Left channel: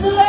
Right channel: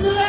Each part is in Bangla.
Yeah.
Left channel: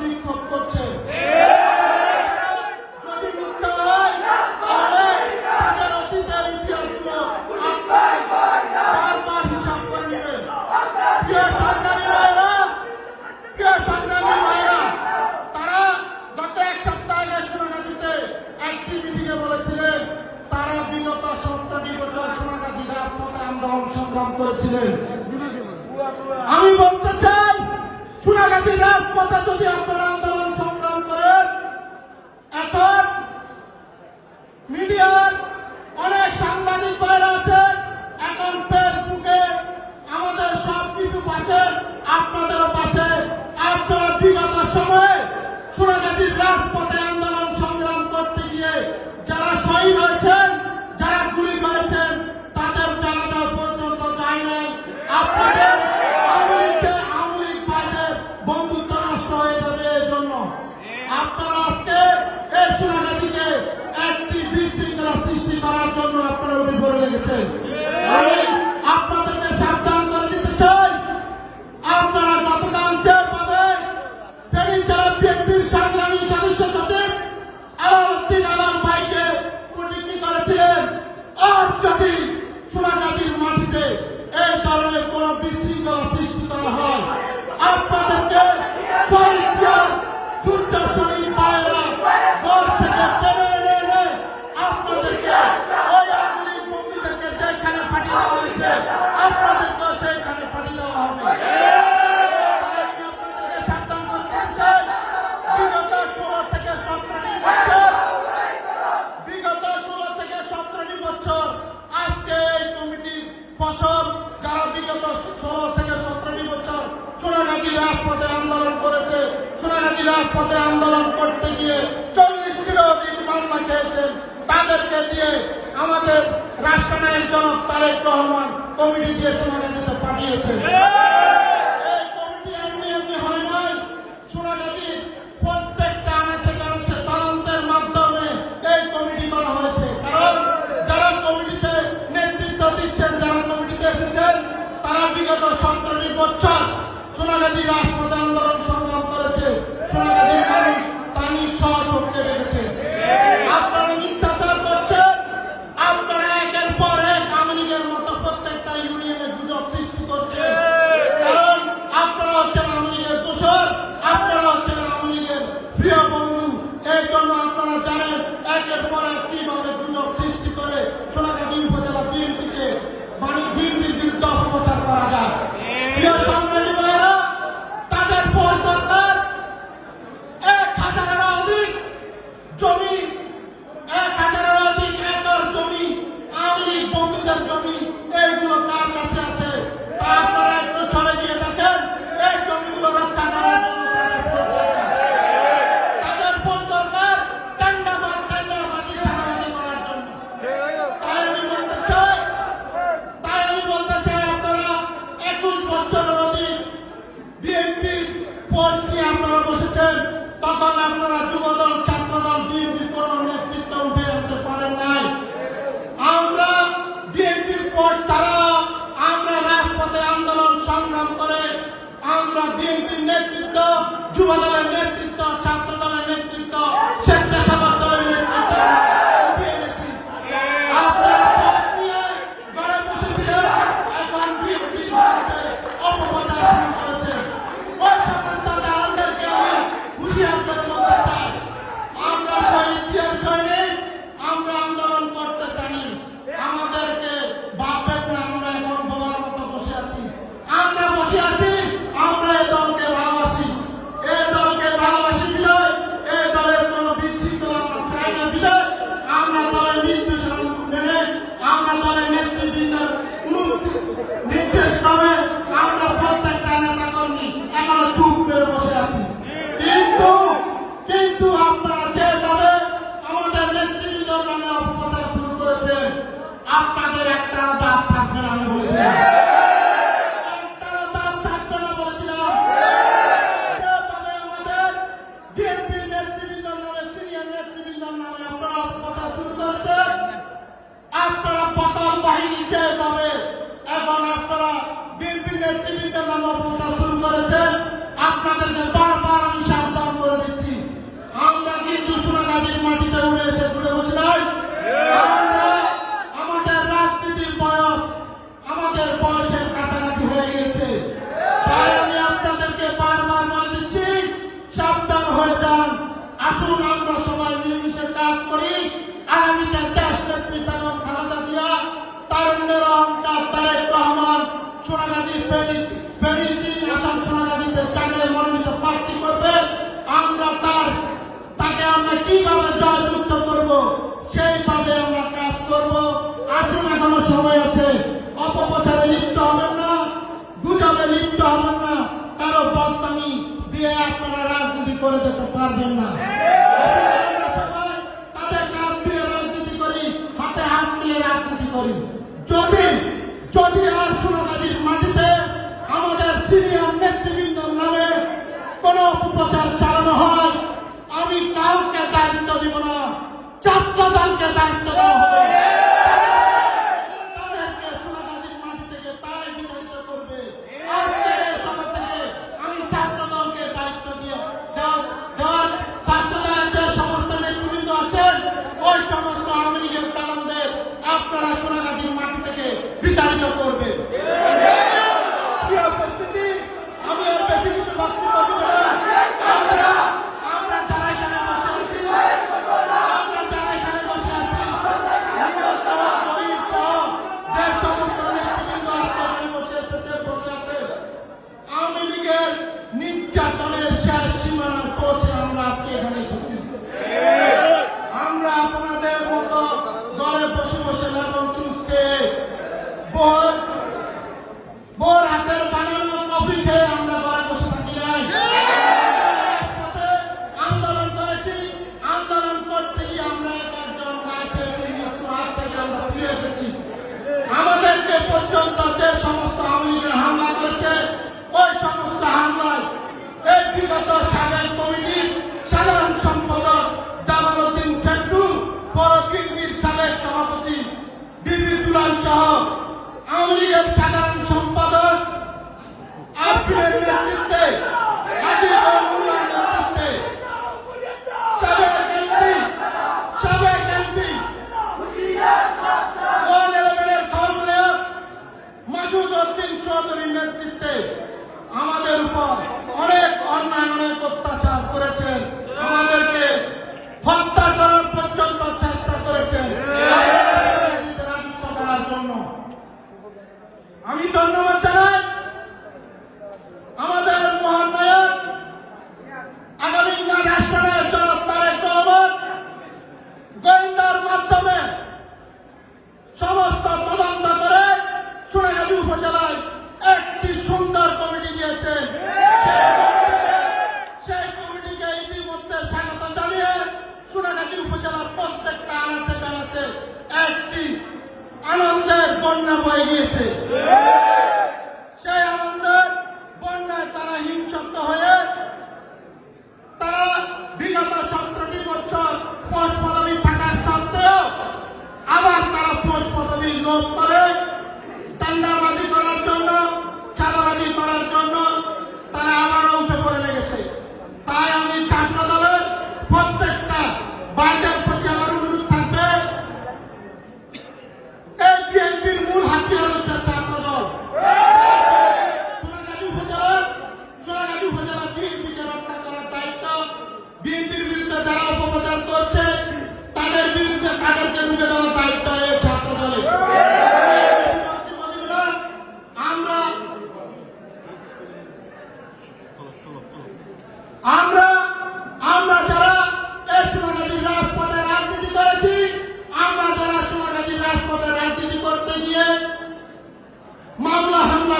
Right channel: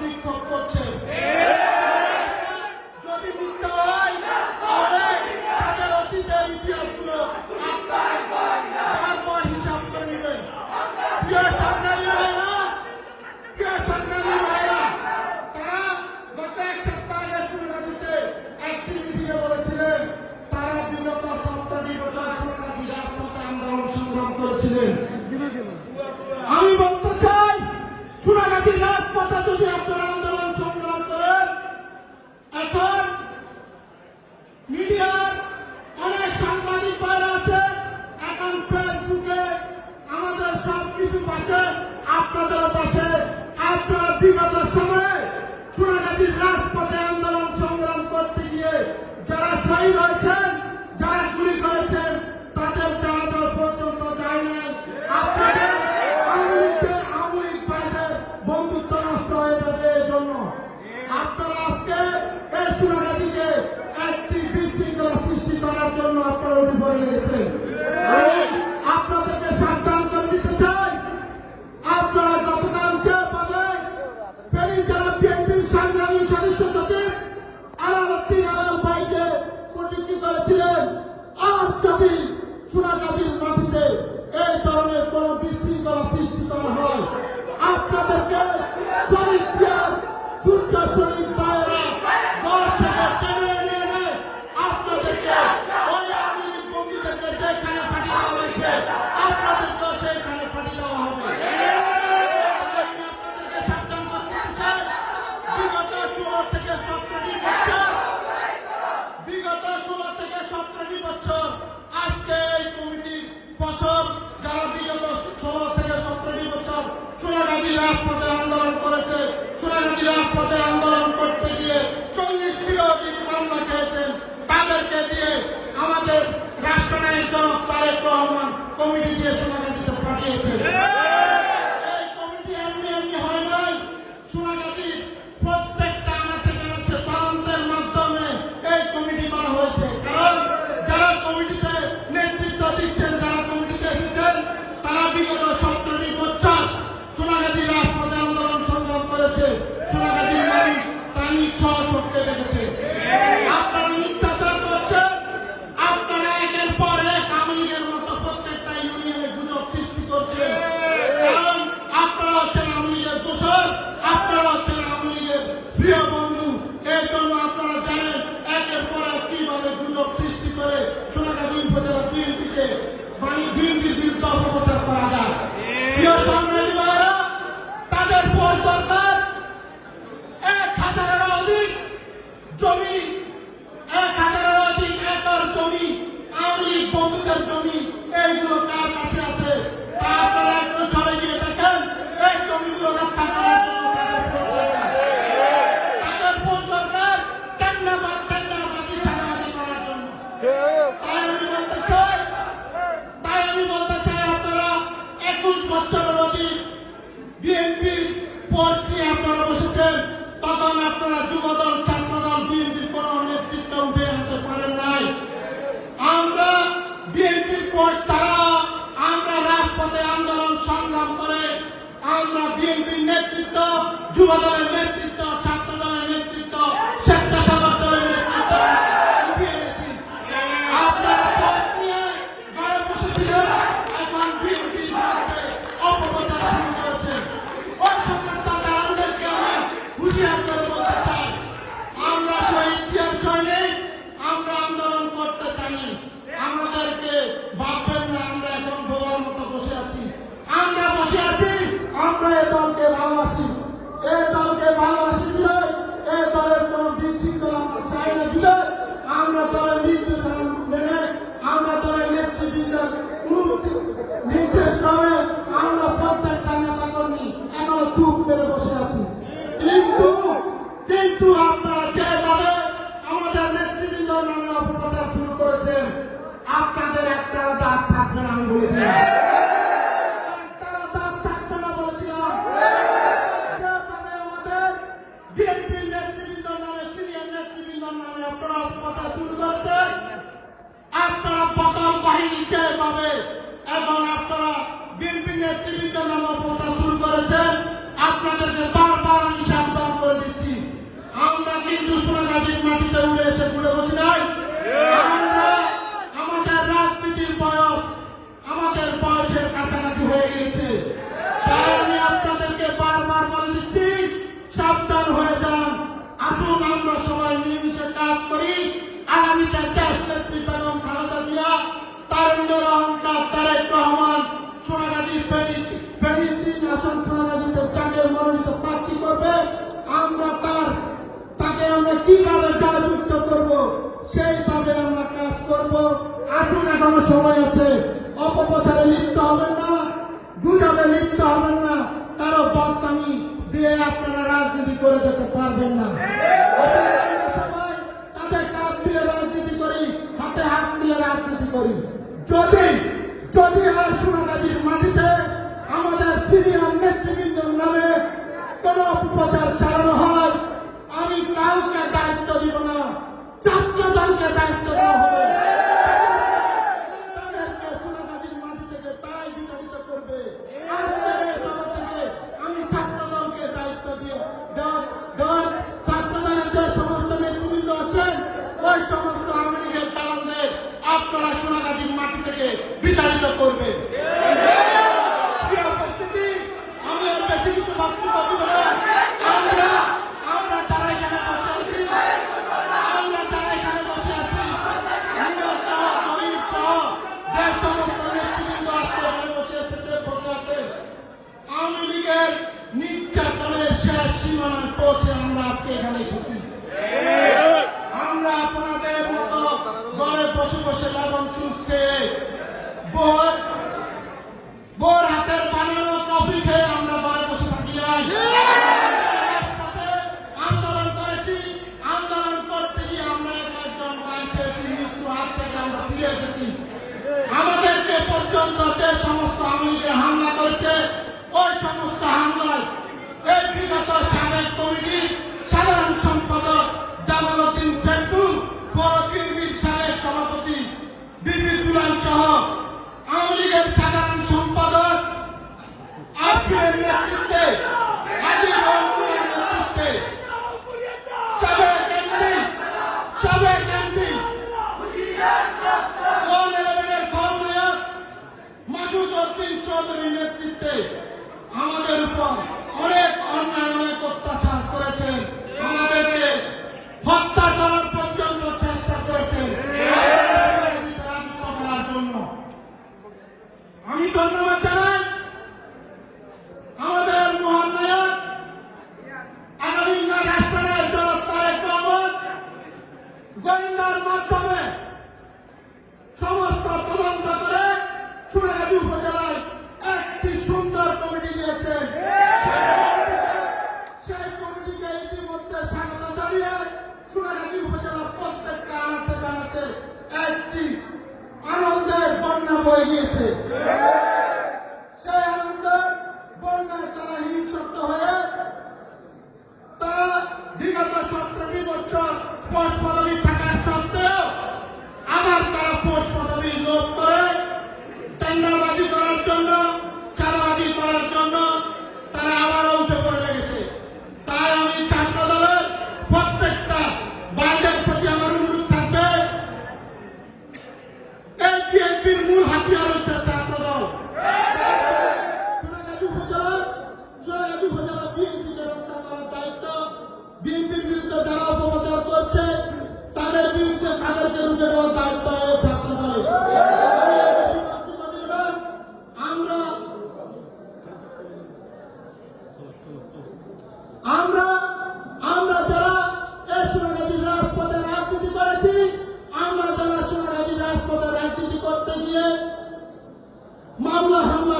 বিক্ষোভ করছে। রাজপথে যদি আপনারা আপনারা রহমান কমিটি দিয়ে সোনাগাজীতে পাঠিয়েছে। এই কমিটি এমনি এমনি হয় নয় সোনাগাজীর প্রত্যেকটা আনাচে কানাচে তান্তের মাধ্যমে এই কমিটি করা হয়েছে। কারণ যারা কমিটিতে নেতৃত্ব দিচ্ছেন যারা কমিটিতে এসেছেন তারা বিগত সতেরোটি বছর সোনাগাজী রাজপথে আন্দোলন সংগ্রাম করেছে। সোনাগাজীর মানুষ তানি সহ সবকে রেখেছে। আপনাদের একটাও দাঁত থাকবে না আমি বলে দিলাম। সময় আছে। অপপ্রচারে লিপ্ত হবেন না, গুজবে লিপ্ত হবেন না। কারও বদনামি দিয়ে আপনারা রাজনীতি করে যেতে পারবেন না। রাজনীতি করি, হাতে হাত নিয়ে রাজনীতি করি। যদি যদি আর মাটিতে আমাদের সিনিয়র নেতৃবৃন্দর নামে কোনো অপপ্রচার চালানো হয়, আমি কাউকে দায়িত্ব দিব না। ছাত্র দায়িত্ব দেওয়া হবে। இருப்போம்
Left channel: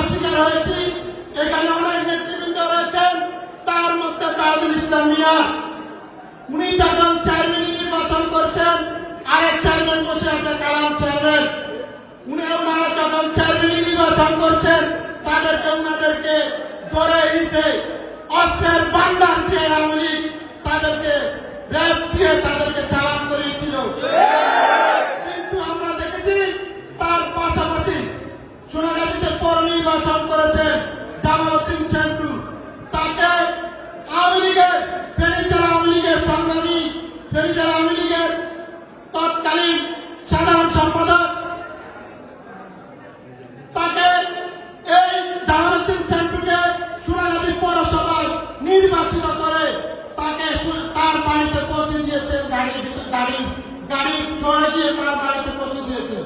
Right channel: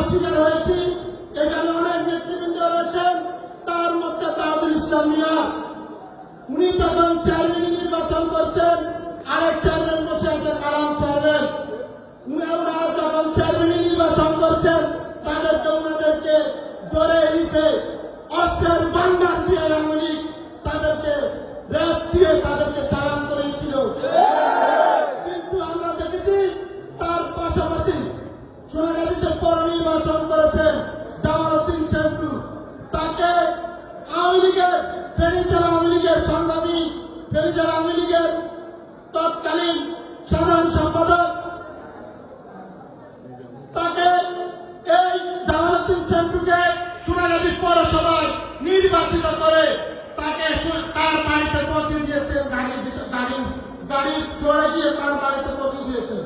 আমরা হয়েছি। এখানে অনেক নেতৃবৃন্দ রয়েছেন। তার মধ্যে তাজুল উনি যখন চেয়ারম্যান নির্বাচন করছেন, আরেক চেয়ারম্যান বসে আছে, কালাম চেয়ারম্যান উনি ওনারা যখন চেয়ারম্যান নির্বাচন করছেন, তাদেরকে ওনাদেরকে ধরে হিসে অস্ত্রের বান্ডার দিয়ে তাদেরকে দিয়ে তাদেরকে চালান করিয়েছিল নির্বাচন করেছেন জামালুদ্দিন চেন্টু তাকে আওয়ামী লীগের ফেনী জেলা আওয়ামী লীগের সংগ্রামী ফেনী জেলা আওয়ামী লীগের তৎকালীন সাধারণ সম্পাদক, তাকে এই জামালউদ্দিন চেন্টুকে সোনাগাজী পৌরসভায় নির্বাচিত করে তাকে তার বাড়িতে পৌঁছে দিয়েছেন, গাড়ি গাড়ি গাড়ি চড়ে গিয়ে তার বাড়িতে পৌঁছে দিয়েছে